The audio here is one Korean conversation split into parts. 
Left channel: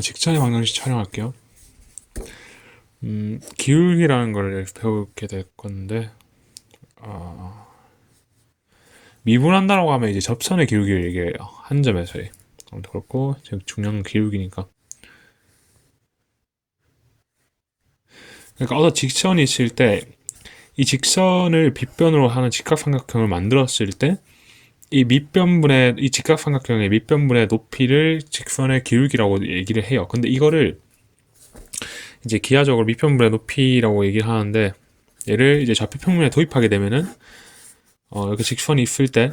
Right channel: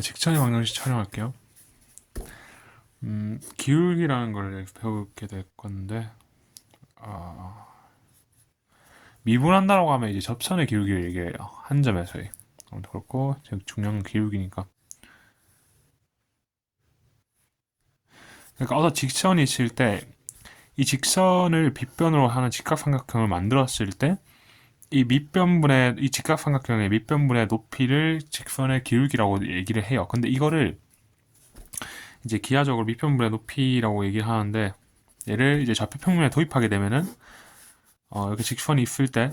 직선의 방정식 촬영할게요. 기울기라는 걸 배우게 될 건데, 미분한다라고 하면 이제 접선의 기울기를 얘기해요. 한 점에서의. 아무튼 그렇고, 지금 중요한 건 기울기니까. 그러니까 어떤 직선이 있을 때, 이 직선을 빗변으로 하는 직각삼각형을 만들었을 때, 이 직각삼각형의 밑변분의 높이를 직선의 기울기라고 얘기를 해요. 근데 이거를 이제 기하적으로 밑변분의 높이라고 얘기를 하는데, 얘를 이제 좌표평면에 도입하게 되면은, 이렇게 직선이 있을 때,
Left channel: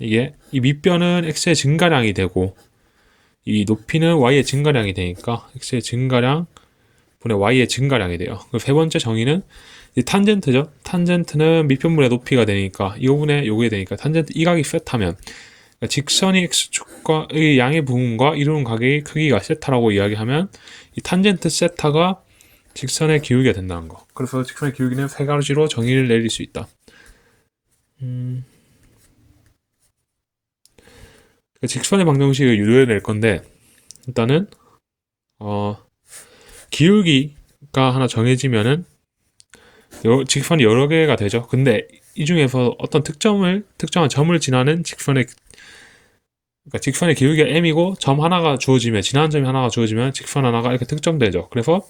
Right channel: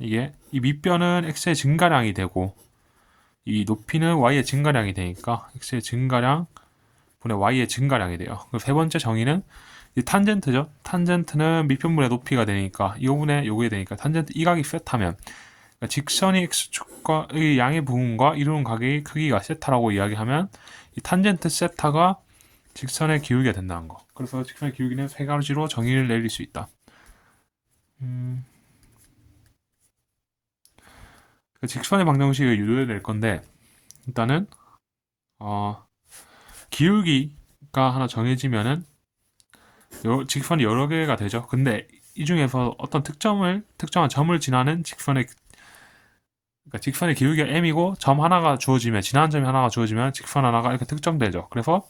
이게 이 밑변은 x의 증가량이 되고 이 높이는 y의 증가량이 되니까 x의 증가량 분의 y의 증가량이 돼요. 그리고 세 번째 정의는 이 탄젠트죠. 탄젠트는 밑변분의 높이가 되니까 이거분의 요게 되니까 탄젠트 이 각이 세타면, 그러니까 직선이 x축과의 양의 부분과 이루는 각의 크기가 세타라고 이야기하면 이 탄젠트 세타가 직선의 기울기가 된다는 거. 그래서 직선의 기울기는 세 가지로 정의를 내릴 수 있다. 직선의 방정식을 유도해 낼 건데, 일단은 기울기가 하나 정해지면은 직선이 여러 개가 되죠. 근데 이 중에서 어떤 특정한 점을 지나는 그러니까 직선의 기울기가 m이고 지나는 점이 하나가 주어지면 직선 하나가 이렇게 특정되죠. 그래서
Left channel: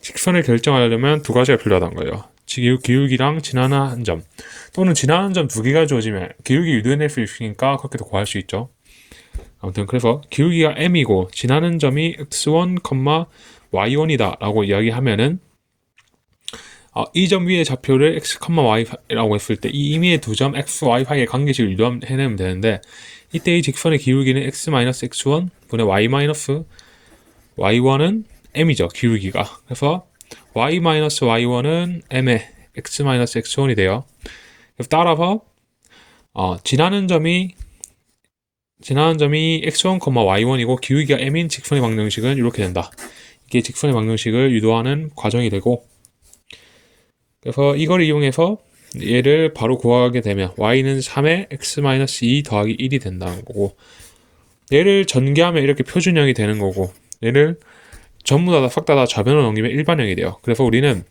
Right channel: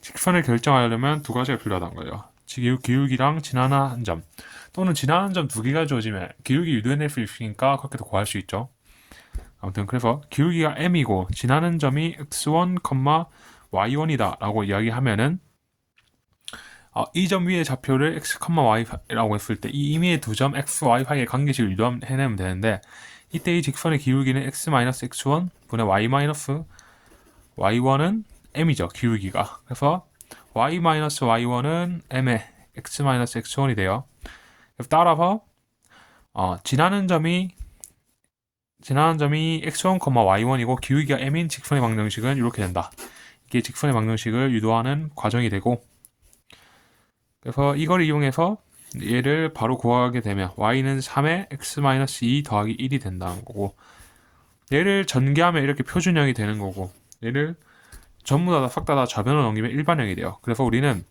직선을 결정하려면 두 가지가 필요하다는 거예요. 기울기랑 지나는 점, 또는 지나는 점 두 개가 주어지면 기울기 유도해낼 수 있으니까 그렇게도 구할 수 있죠. 아무튼 그래서 기울기가 m이고 지나는 점이 x1, y1이다 라고 이야기하면은, 이 점 위의 좌표를 x, y라고 했을 때 이 임의의 두 점 x, y 사이의 관계식을 유도해내면 되는데, 이때 이 직선의 기울기는 x-x1 분의 y-y1은 m이죠. 기울기가. 그래서 y-y1은 m의 x-x1이 돼요. 그래서 따라서 지나는 점이 x1, y1이고 기울기가 m인 직선의 방정식은 이렇게 된다. 이게 직선의 방정식을 유도하는 과정이 되고, 그래서 이걸 이용해서 얘를 바로 구하게 되면 y는 3의 x-2 더하기 1이 된다는 거고, 얘를 전개하면 이렇게 표준형이 되는 거고, 얘를 전부 다 싹 다 좌변으로 넘기면 일반형이 돼요. 그래서 우리는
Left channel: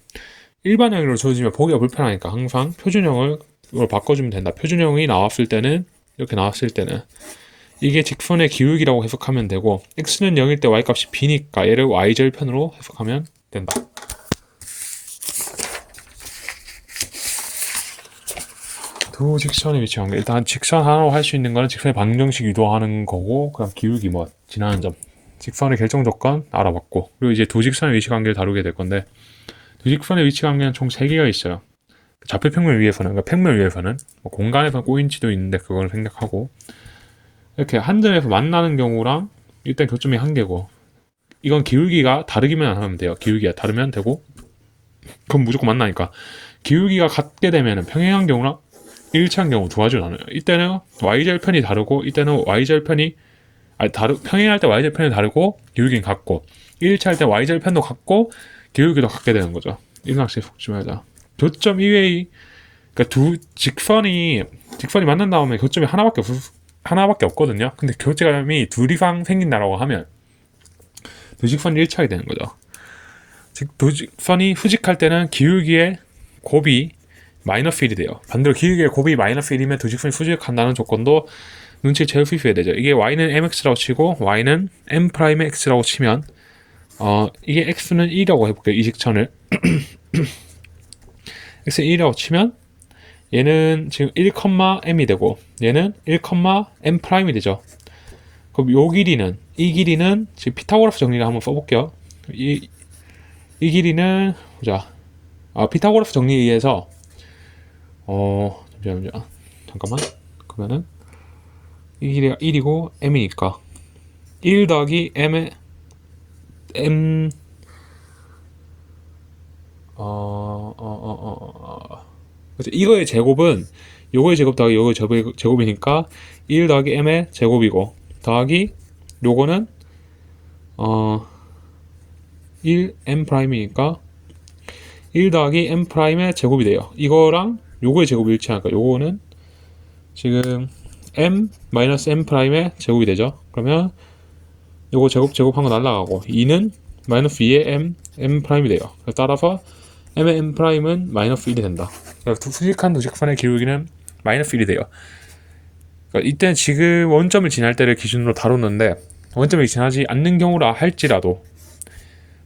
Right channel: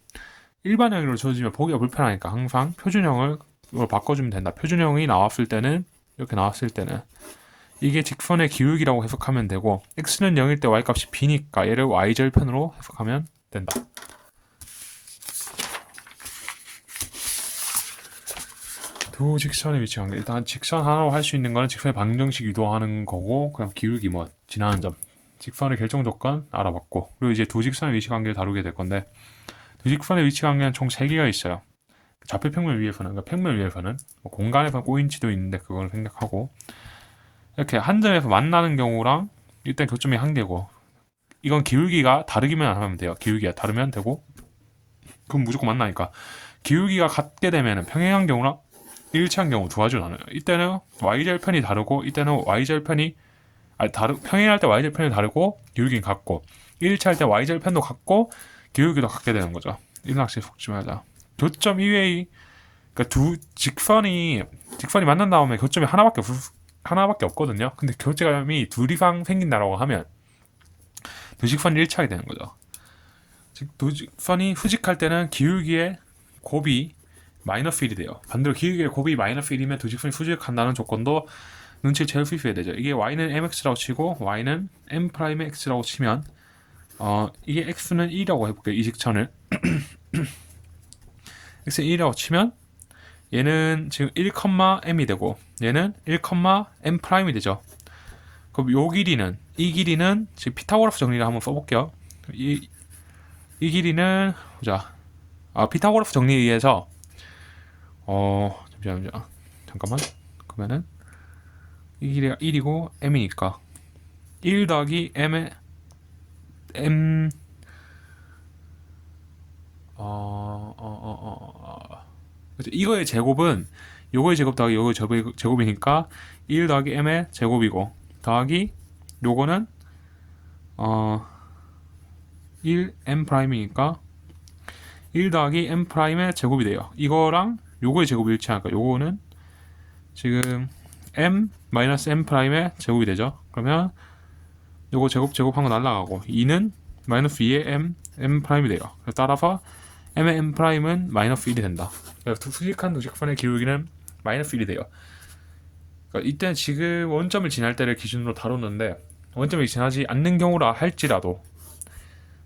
일반형으로 주어지면 보기가 불편하니까 항상 표준형으로 바꿔주면 된다. 표준형이 나왔을 때는, 이렇게 나왔을 때는 이게 직선의 기울기라고 해석하면 되고, x는 0일 때 y값이 b니까 얘를 y절편으로 해석하면 된다. 두 직선의 위치 관계. 일단 직선 하나로 할 수 있는 거는 직선의 방정식 유도하는 거고, 그럼 기울기 지나는 점, 직선의 결정 조건 알아봤고, 그리고 이제 두 직선의 위치 관계를 다루게 될 건데, 두 직선의 위치 관계는 총 3개가 있어요. 좌표평면 위에서는, 그러니까 평면 위에서는 공간에서 꼬인치도 있는데 그걸 생략하고, 이렇게 한 점에서 만나는 경우랑 일단 교점이 한 개고, 이건 기울기가 다르기만 하면 돼요. 기울기가 다르면 되고, 그럼 무조건 만나니까. 기울기가 같게 되면 평행한 경우랑 일치한 경우 두 가지로 나눠요. 이때는 y절편이 다르고, 이때는 평행할 때 y절편이 다르고 기울기는 같고, 일치할 때 y절편도 같고 기울기도 같게 되는 거죠. 이등학생 속지 말자. 교점 이외의, 그러니까 두 직선이 만난 다음에 교점이 하나밖에 없거든요. 근데 교점이 둘 이상 생긴다라고 하면 두 직선이 일치하게 되는 거죠. 즉 두 직선이 후직할 때는 기울기의 곱이 마이너스 1이 돼요. 반대로 기울기의 곱이 마이너스 1이면 두 직선이 후직한다는 조건도 눈치를 채울 수 있어야 되죠. 이게 y는 mx라고 치고 y는 m'x라고 치면, 이게 x는 1이라고 해볼게요. 이 직선을 x는 1이라고 치면 얘는 지금 1,m이 되고 얘는 1,m'이 되죠. 그럼 이 길이는 지금 피타고라스 정리를 한번 써볼게요. 이 길이는 피타고라스 정리에 의해서 잠깐만. 그러면은 이 길이가 1이고 m이니까 1 더하기 m의 m 그렇죠. 이거의 제곱은 요거의 제곱 더하기 요거의 제곱이니까 1 더하기 m의 제곱이고, 더하기 요거는 1m 프라임이니까 1 더하기 m 프라임의 제곱이 돼요. 이거랑 요거의 제곱이 일치하니까 요거는 지금 m 마이너스 m 프라임의 제곱이 되죠. 그러면 요거 제곱한 거 날라가고 2는 마이너스 2의 m 프라임이 돼요. 따라서 m의 m 프라임은 마이너스 1이 된다. 그러니까 수직한 두 직선의 기울기는 마이너스 1이 돼요. 그러니까 이때는 지금 원점을 지날 때를 기준으로 다뤘는데 원점을 지나지 않는 경우라 할지라도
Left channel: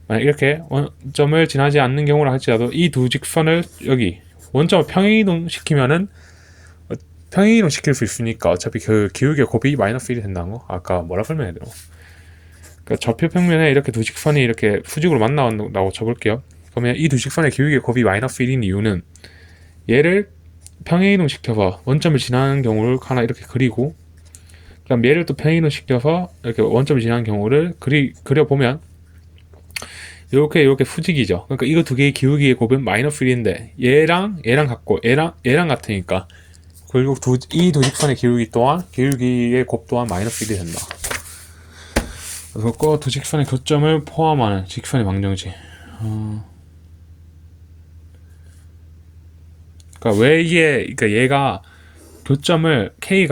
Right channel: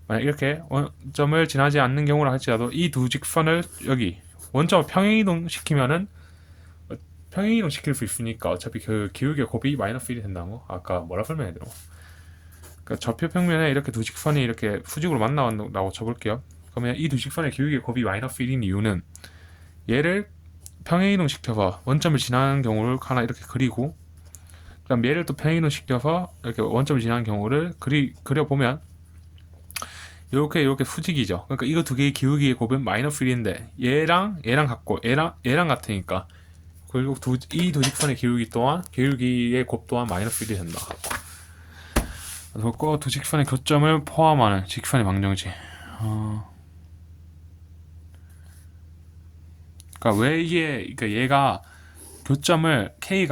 만약 이렇게 원점을 지나지 않는 경우라 할지라도 이 두 직선을 여기 원점을 평행이동 시키면은 평행이동 시킬 수 있으니까 어차피 그 기울기의 곱이 마이너스 1이 된다는 거 아까 뭐라 설명해야 되나? 그러니까 좌표 평면에 이렇게 두 직선이 이렇게 수직으로 만나온다고 쳐볼게요. 그러면 이 두 직선의 기울기의 곱이 마이너스 1인 이유는 얘를 평행이동 시켜서 원점을 지나는 경우를 하나 이렇게 그리고 그럼 얘를 또 평행이동 시켜서 이렇게 원점을 지나는 경우를 그려보면 이렇게 수직이죠. 그러니까 이거 두 개의 기울기의 곱은 마이너스 1인데 얘랑 같고 얘랑 같으니까 결국 이 두 직선의 기울기의 곱 또한 마이너스 1이 된다. 그리고 두 직선의 교점을 포함하는 직선의 방정식. 그러니까 그러니까 얘가 교점을 k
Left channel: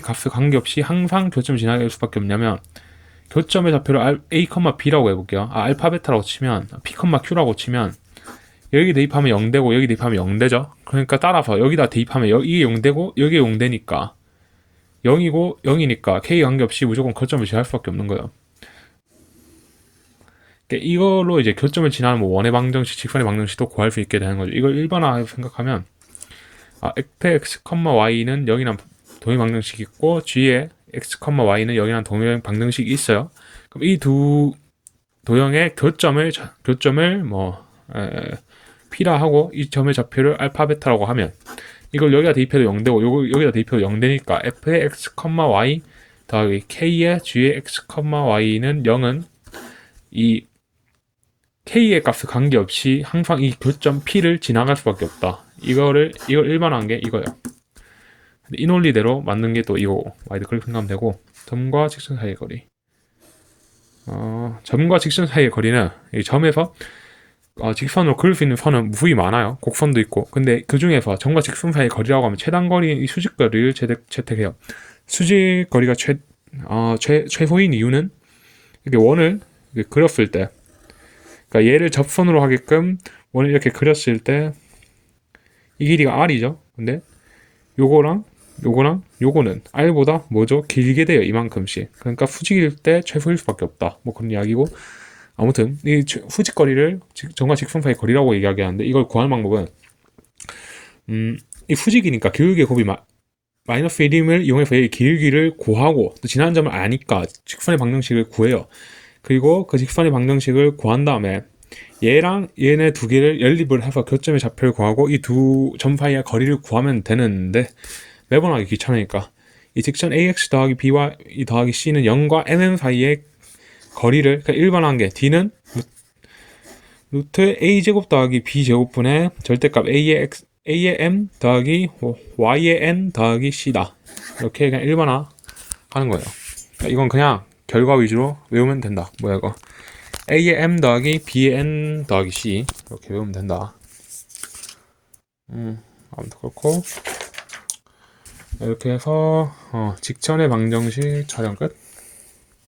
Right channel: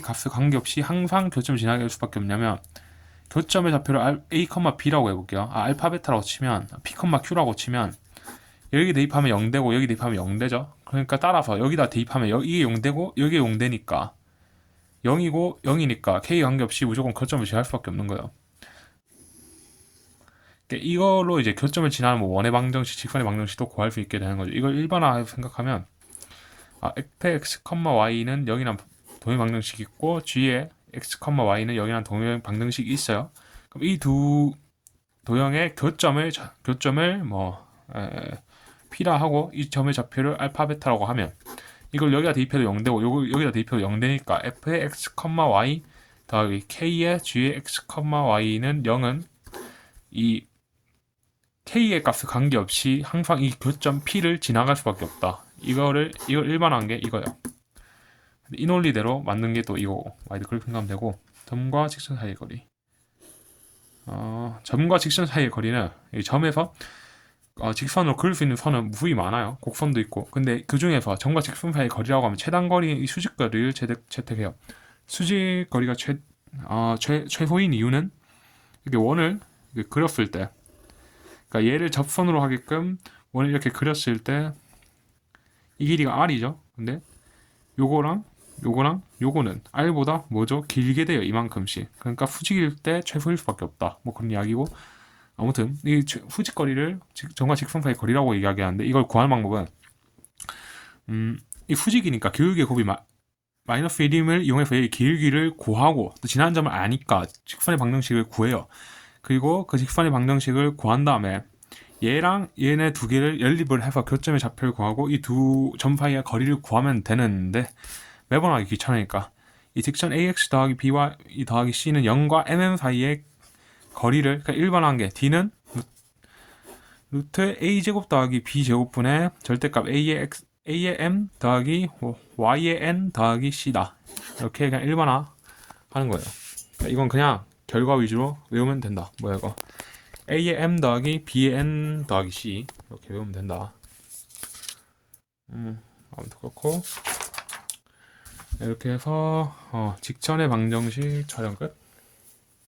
값에 관계없이 항상 교점을 지나게 할 수밖에 없냐면 교점의 좌표를 a, b라고 해볼게요. 알파 베타라고 치면 p, q라고 치면 여기 대입하면 0되고 여기 대입하면 0되죠. 그러니까 따라서 여기다 대입하면 이게 0되고 여기에 0되니까 0이고 0이니까 k 관계없이 무조건 교점을 지날 수밖에 없는 거예요. 그러니까 이걸로 이제 교점을 지나는 뭐 원의 방정식, 직선의 방정식도 구할 수 있게 되는 거죠. 이걸 일반화해서 생각하면 fx, y는 0이란 동일 방정식이 있고 g의 x, y는 0이란 동일 방정식이 있어요. 그럼 이 두 도형의 교점을 p라 하고 이 점의 좌표를 알파 베타라고 하면 이걸 여기다 대입해도 0되고 여기다 대입해도 0되니까 f의 x, y 더하기 k의 g의 x, y는 0은 이 k의 값에 관계없이 항상 이 교점 p를 지나갈 수밖에 없다. 이걸 일반화한 게 이거예요. 이 논리대로 만든 게 또 이거고 y도 그렇게 생각하면 되고 점과 직선 사이의 거리 점과 직선 사이의 거리는 이 점에서 직선으로 그릴 수 있는 선은 무수히 많아요. 곡선도 있고. 근데 그 중에서 점과 직선 사이의 거리라고 하면 최단 거리인 이 수직 거리를 채택해요. 수직 거리가 최소인 이유는 이렇게 원을 이렇게 그렸을 때, 그러니까 얘를 접선으로 하게끔 원을 이렇게 그렸을 때 이 길이가 r이죠. 근데 요거는 r보다 뭐죠? 길게 돼요. 이만큼씩. 그러니까 수직일 때 최소일 수밖에 없다. 뭐 그런 이야기고. 아무튼 이 수직 거리를 점과 직선 사이 거리라고 이야기하는데 이걸 구할 방법은 이 수직이니까 기울기의 곱이 마이너스 1임을 이용해서 이 기울기를 구하고 또 지나는 점을 아니까 직선의 방정식을 구해요. 그리고 그 직선의 방정식을 구한 다음에 얘랑 얘네 두 개를 연립을 해서 교점의 좌표를 구하고 이 두 점 사이의 거리를 구하면 되는데 매번 하기 귀찮으니까 이 직선 ax 더하기 by 더하기 c는 0과 mm 사이의 거리를 그러니까 일반화한 게 d는 루트 a제곱 더하기 b제곱분의 절대값 a의 m 더하기 y의 n 더하기 c다. 이렇게 그냥 일반화 하는 거예요. 그러니까 이건 그냥 결과 위주로 외우면 된다. 뭐야 이거 a의 m 더하기 b의 n 더하기 c 이렇게 외우면 된다. 아무튼 그렇고 이렇게 해서 직선의 방정식 촬영 끝.